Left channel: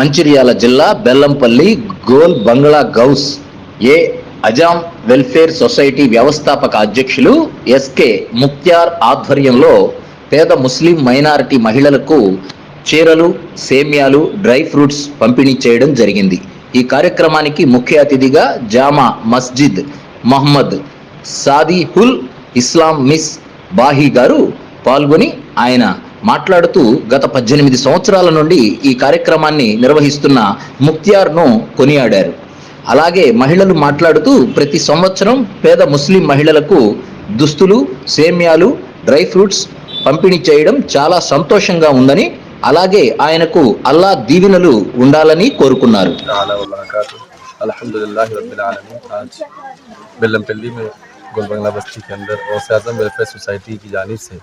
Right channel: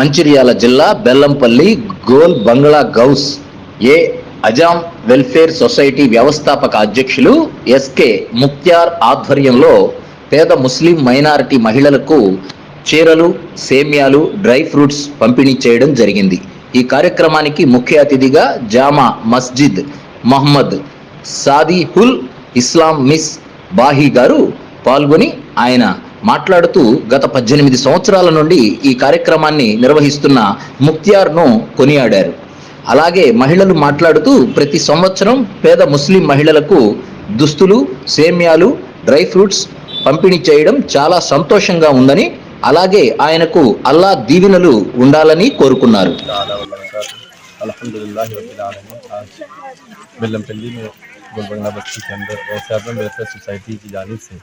మంచిర్యాల జిల్లా బెల్లంపల్లి గోల్ బంగ్లా గౌస్ ఏ Azam welfare society వ్యవస్థాపక అధ్యక్షులు ఎస్కే ముక్త్యార్ ఆధ్వర్యంలో పేద ముస్లిం మైనారిటీ మహిళలకు చీరలు, సేమ్యాలు, డ్రై ఫ్రూట్స్ పంపిణీ చేయడం జరిగింది. ఈ కార్యక్రమానికి ముఖ్య అతిథిగా జామా మస్జిద్ మహమ్మద్ సాదిహుల్ ఇస్లాం మిస్ బాహి గారు పాల్గొని ఆయన మాట్లాడుతూ గత 18 సంవత్సరాల నుండి ఈ కార్యక్రమాన్ని నిర్వహిస్తున్న ముక్త్యార్ను కొనియాడారు. అలాగే మహిళలు మాట్లాడుతూ ప్రతి సంవత్సరం పేద ముస్లిం మహిళలకు దుస్తులు, సేమ్యాలు, డ్రై ఫ్రూట్స్ పంపిణీ చేయడం చాలా సంతోషంగా ఉందని, అలాగే ఆయనకు అల్లా దీవెనలు ఉండాలని కోరుకున్నారు. अल्हम्दुलिल्लाह रब्बिल आलमीन। आज बेल्लमपल्ली में गोलबंगला बस्ती के अंदर गौस आज़म वेलफेयर सोसाइटी की जानिब से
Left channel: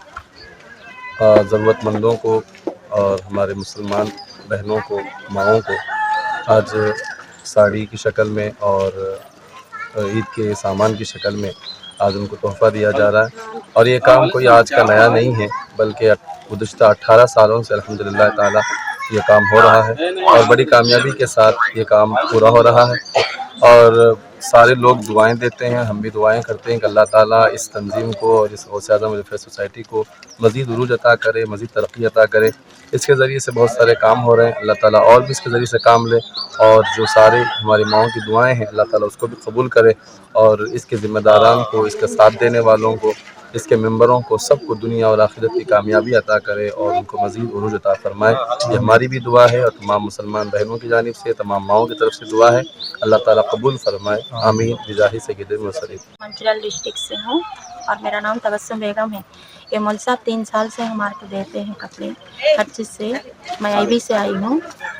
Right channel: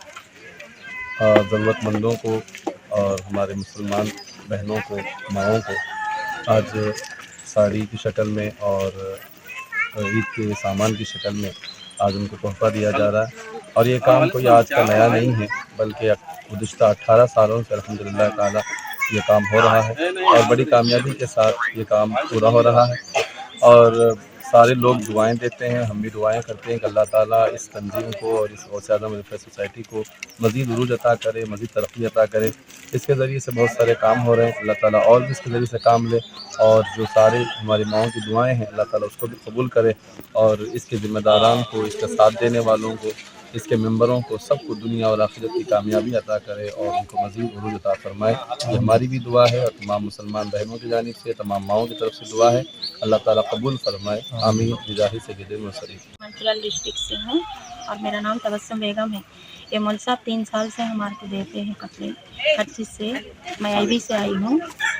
ज़रूरतमंदों को और हमारे मुसलमान बहनों को, माओं को आज साड़ी की शक्ल में और ईद के सामान की शक्ल में आज उनको तोहफ़ा दिया जा रहा है। और ये काम कोई आज का नया नहीं है, बल्कि गुज़िश्ता 18 सालों से अल्हम्दुलिल्लाह ताला ये काम हो रहा है और बड़ी कामयाबी के साथ ये काम पूरा हो रहा है। और सारे लोग दुआएं देते हैं, हम भी दुआएं करते हैं कि अल्लाह ताला इस तंजीम को और इस गौस आज़म वेलफेयर सोसाइटी को मज़ीद उरूज अता करे, मज़ीद तरक्की अता करे। इसके ज़रिए से बहुत सारे काम हो रहे हैं, अल्लाह ताला और भी इसके ज़रिए से काम ले और जो सारे हमारी माओं की दुआएं हैं अल्लाह ताला उसको भी कबूल करे और इसके ज़िम्मेदारान को, इसका साथ देने वालों को, इसके मेंबरों को, सबको दुनिया और आखिरत की कामयाबी अता करे और उनको मज़ीद उरूज अता फरमाए। ये हमारी भी दुआ है और तमाम मुसलमान बहनों की जानिब से, तमाम माओं की तरफ से दुआ है, अल्लाह ताला कबूल फरमाए, आमीन बिजाही सय्यदुल मुरसलीन। मंचिर्याल डिस्ट्रिक्ट से हूँ और मेरा नाम तबस्सुम बेगम है। ये मौलवी साहब 3 साल से हमारे को देते हैं कपड़े, हर चीज़ से। मैं IB से आई हूँ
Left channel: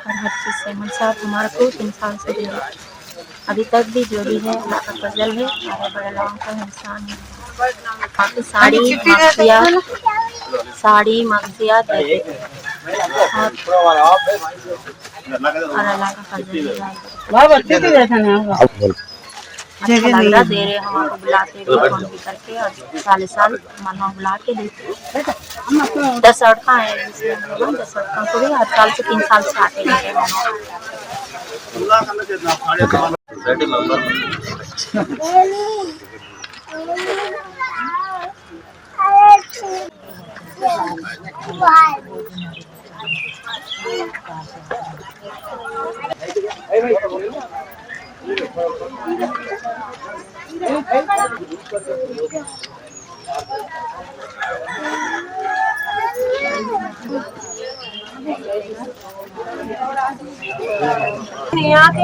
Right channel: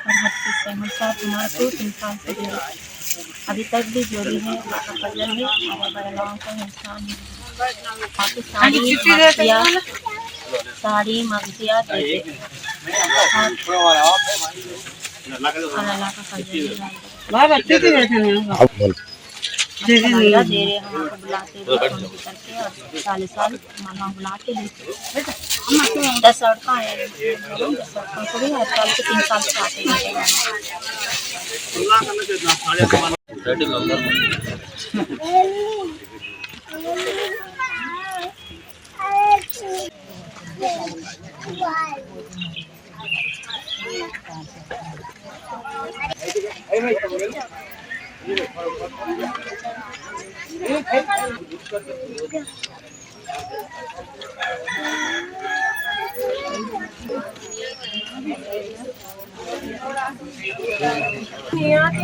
और हर चीज़ से मौलवी साहब हमारे को 3 साल से दे रहे हैं। अभी तक भी जो भी है अल्लाह का फजल है, हमारे बड़े लोगों का इंसान है। बाकी साड़ी मगजिया देते हैं और अल्लाह का फजल है। अच्छा लग रहा दे रहे हमारे को, बुलाते भी फोन भी करके और साल मानो बुला के देते। 10 औरतें हैं, 10 औरतों को भी हर साल से 3 साल से आते हैं। नहीं आते